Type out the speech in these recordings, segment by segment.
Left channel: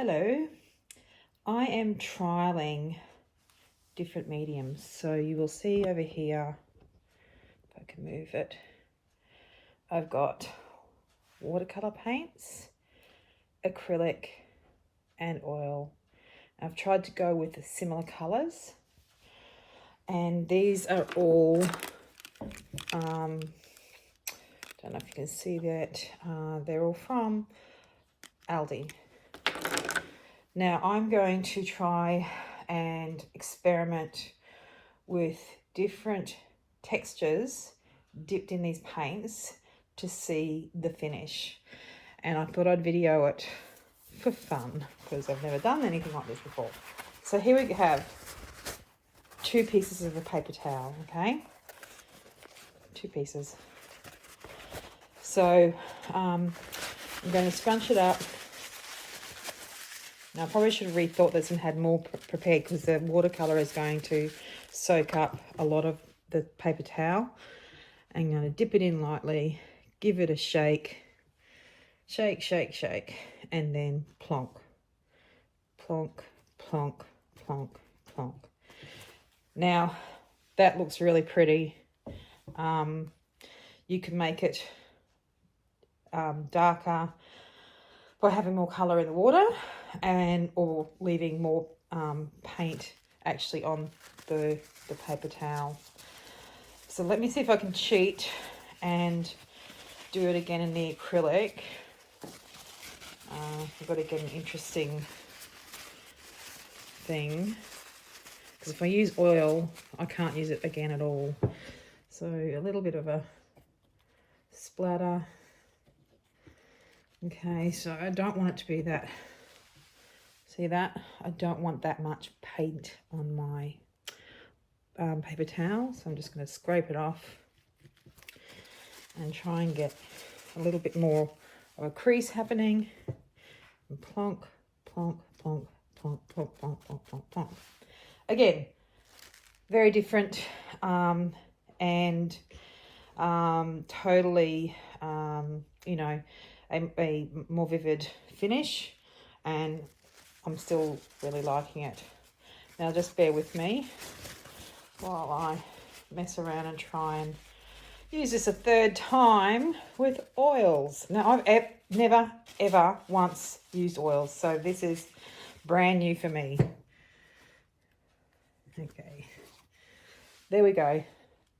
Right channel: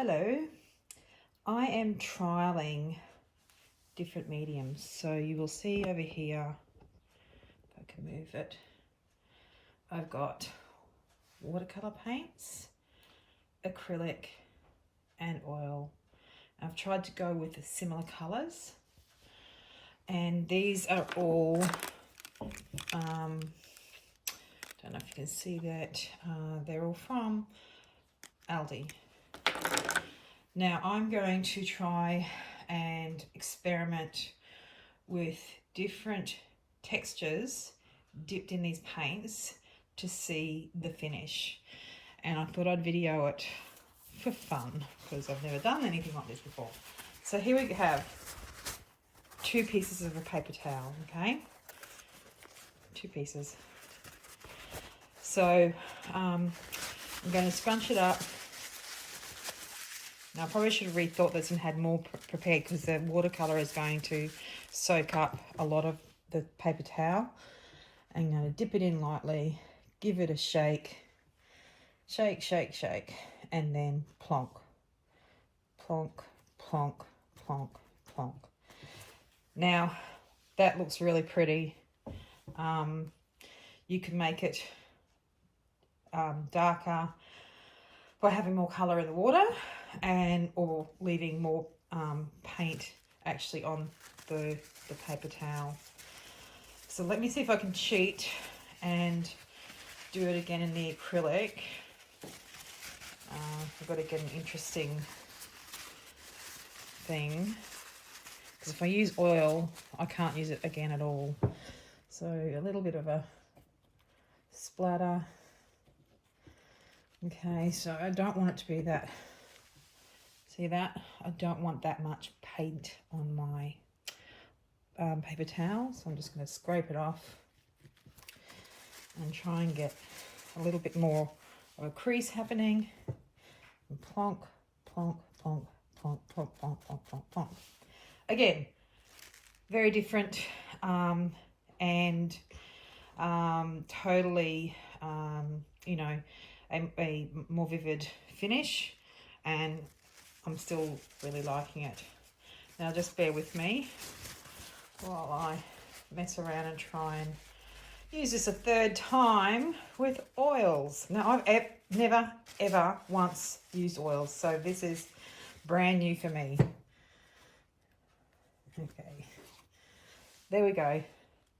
Hello, I am trialing different mediums. So you will see over here, if I can move it, I've got watercolor paints, acrylic and oil. I've tried to go with the similar colors, and these are all, don't know if you can see that, they're all from Aldi. Now I'm going to try and experiment with different textures dipped in these paints to see the finish. And I thought I'd video it for fun because I've never done anything like this before. So here we have 2 pieces of a paper towel, okay? 2 pieces. So I'm going to scrunch it up. Now, I probably should have rethought this and had more prepared because the watercolour is going to soak up a lot of the paper towel. I'm going to dip it in lightly, give it a shake, shake, shake, shake, and then plonk, plonk, plonk, plonk, plonk. Now, that looks really pretty. You can make it darker by having more colour in the water, or leaving more paint actually on the paper towel. So let me see if I can cheat and do it again in the acrylic. I've got to get an interesting thing, because if I use oil I can't use it again at all. So a little bit of a splatter. Okay, so I don't want it to be that. See that? I don't want that much paint on my paper towel, so I'm just going to scrape it off and try and get a little bit more of a crease happening. And plonk, plonk, plonk, plonk, plonk, plonk, plonk, plonk, plonk. Again, very different and totally, you know, a more vivid finish, and I'm still really liking it. Now just bear with me while I mess around and try and use this a 3rd time with oils. Now I've never ever once used oils, so this is brand new for me. Okay, there we go.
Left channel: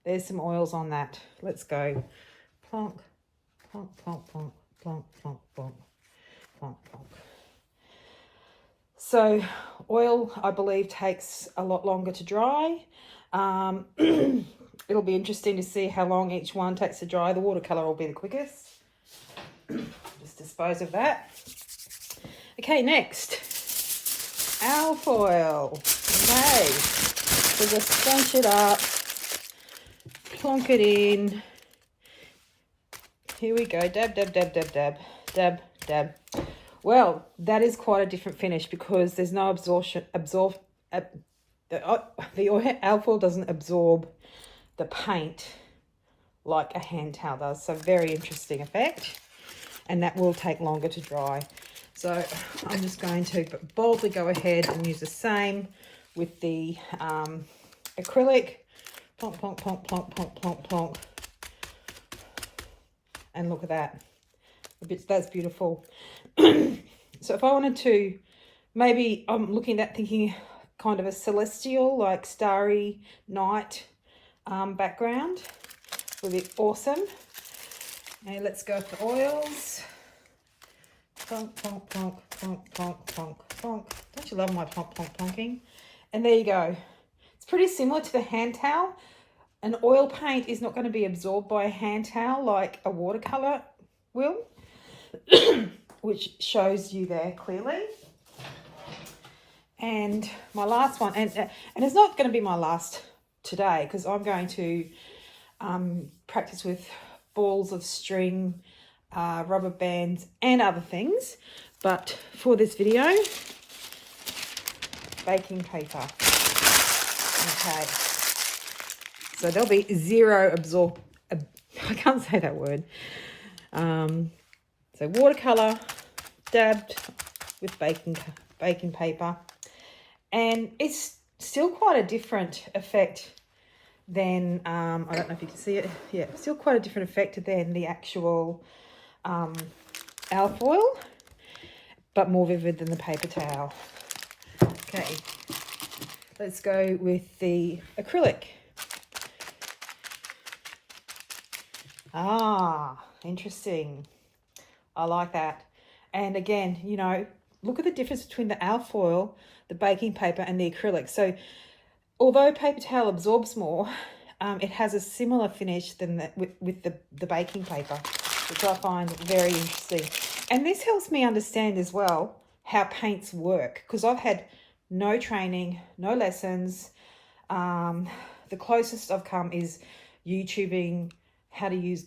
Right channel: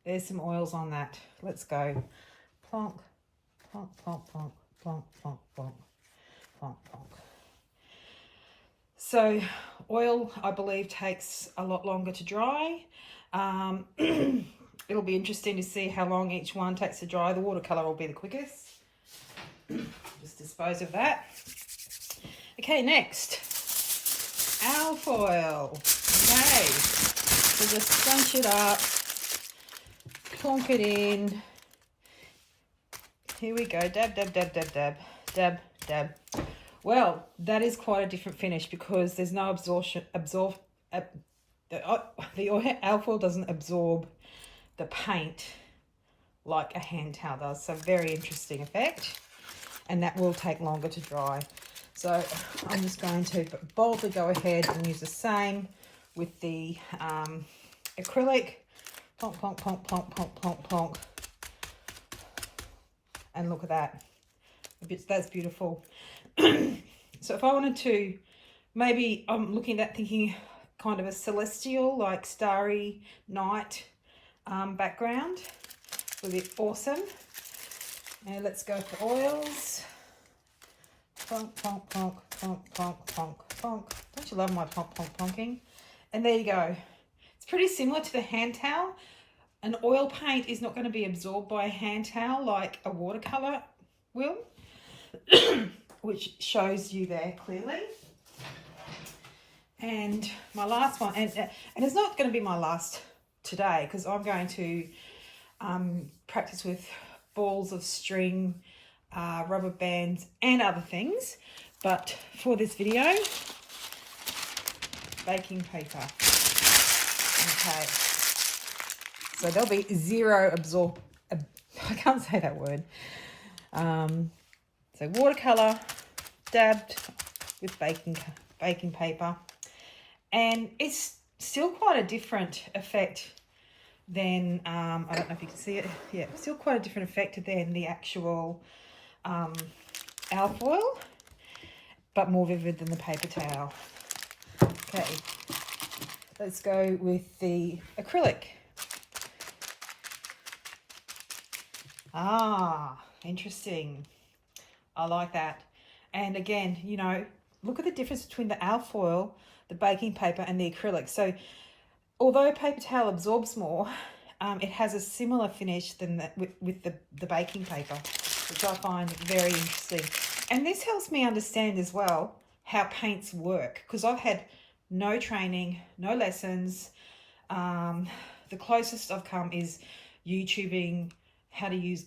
There's some oils on that. Let's go. Plonk, plonk, plonk, plonk, plonk, plonk, plonk, plonk, plonk. So oil, I believe, takes a lot longer to dry. It'll be interesting to see how long each one takes to dry. The watercolour will be the quickest. Just dispose of that. Okay, next, alfoil. Okay, so just scrunch it up, plonk it in. Here we go. Dab, dab, dab, dab, dab, dab, dab. Well, that is quite a different finish because there's no the alfoil doesn't absorb the paint like a hand towel does. So very interesting effect, and that will take longer to dry. So I'm just going to boldly go ahead and use the same with the acrylic. Plonk, plonk, plonk, plonk, plonk, plonk, plonk. And look at that. That's beautiful. So if I wanted to, maybe I'm looking at thinking kind of a celestial, like starry night background would be awesome. Now let's go for oils. Plonk, plonk, plonk, plonk, plonk, plonk, plonk. Don't you love my plonk, plonk, plonking? And there you go. It's pretty similar to the hand towel. An oil paint is not going to be absorbed by a hand towel like a watercolor will, which shows you there clearly. And my last one, and it's not going to be my last today because I'm going to practice with balls of string, rubber bands and other things, but for this video, baking paper. Okay, so there'll be zero I can't say that word. So watercolor, dabbed with baking paper, and it's still quite a different effect than I don't know if you can see it. Yeah, still quite a different effect than the actual alfoil, but more vivid than the paper towel. Okay, let's go with the acrylic. Ah, interesting. I like that. And again, you know, look at the difference between the alfoil, the baking paper, and the acrylic. So although paper towel absorbs more, it has a similar finish than with the baking paper, which I find very interesting. And this helps me understand as well how paints work, because I've had no training, no lessons. The closest I've come is YouTubing how to use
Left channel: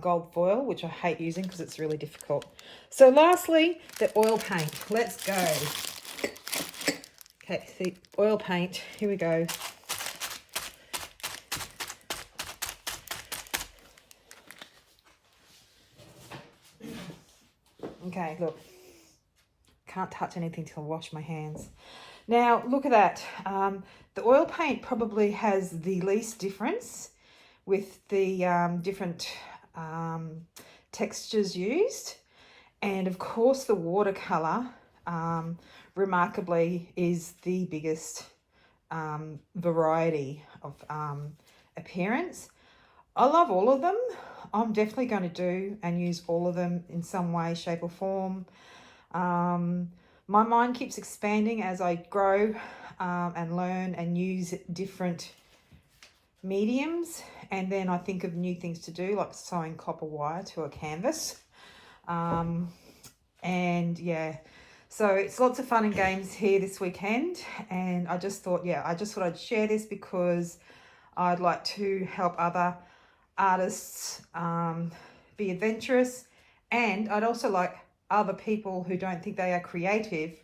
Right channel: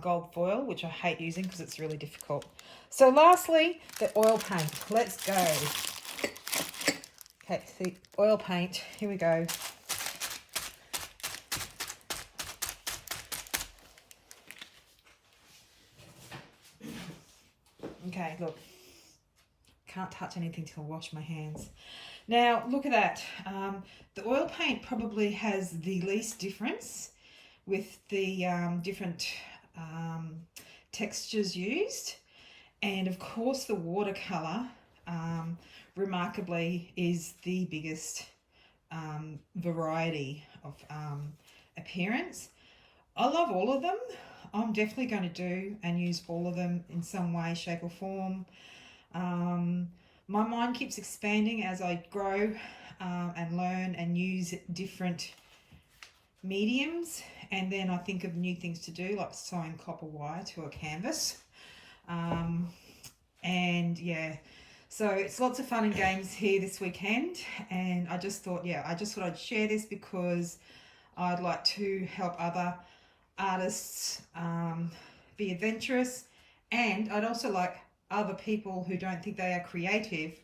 gold foil, which I hate using because it's really difficult. So lastly, the oil paint. Let's go. Okay, the oil paint. Here we go. Okay, look. Can't touch anything till I wash my hands. Now, look at that. The oil paint probably has the least difference with the different textures used. And of course, the watercolor, remarkably, is the biggest variety of appearance. I love all of them. I'm definitely going to do and use all of them in some way, shape or form. My mind keeps expanding as I grow and learn and use different mediums, and then I think of new things to do, like sewing copper wire to a canvas. And yeah, so it's lots of fun and games here this weekend, and I just thought I'd share this because I'd like to help other artists be adventurous, and I'd also like other people who don't think they are creative,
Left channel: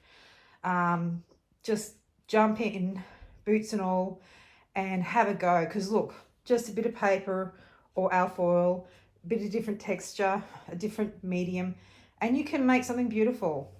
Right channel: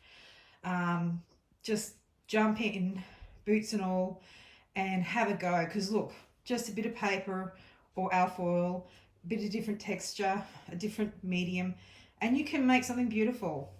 just jump in, boots and all, and have a go. Because look, just a bit of paper or alfoil, a bit of different texture, a different medium, and you can make something beautiful.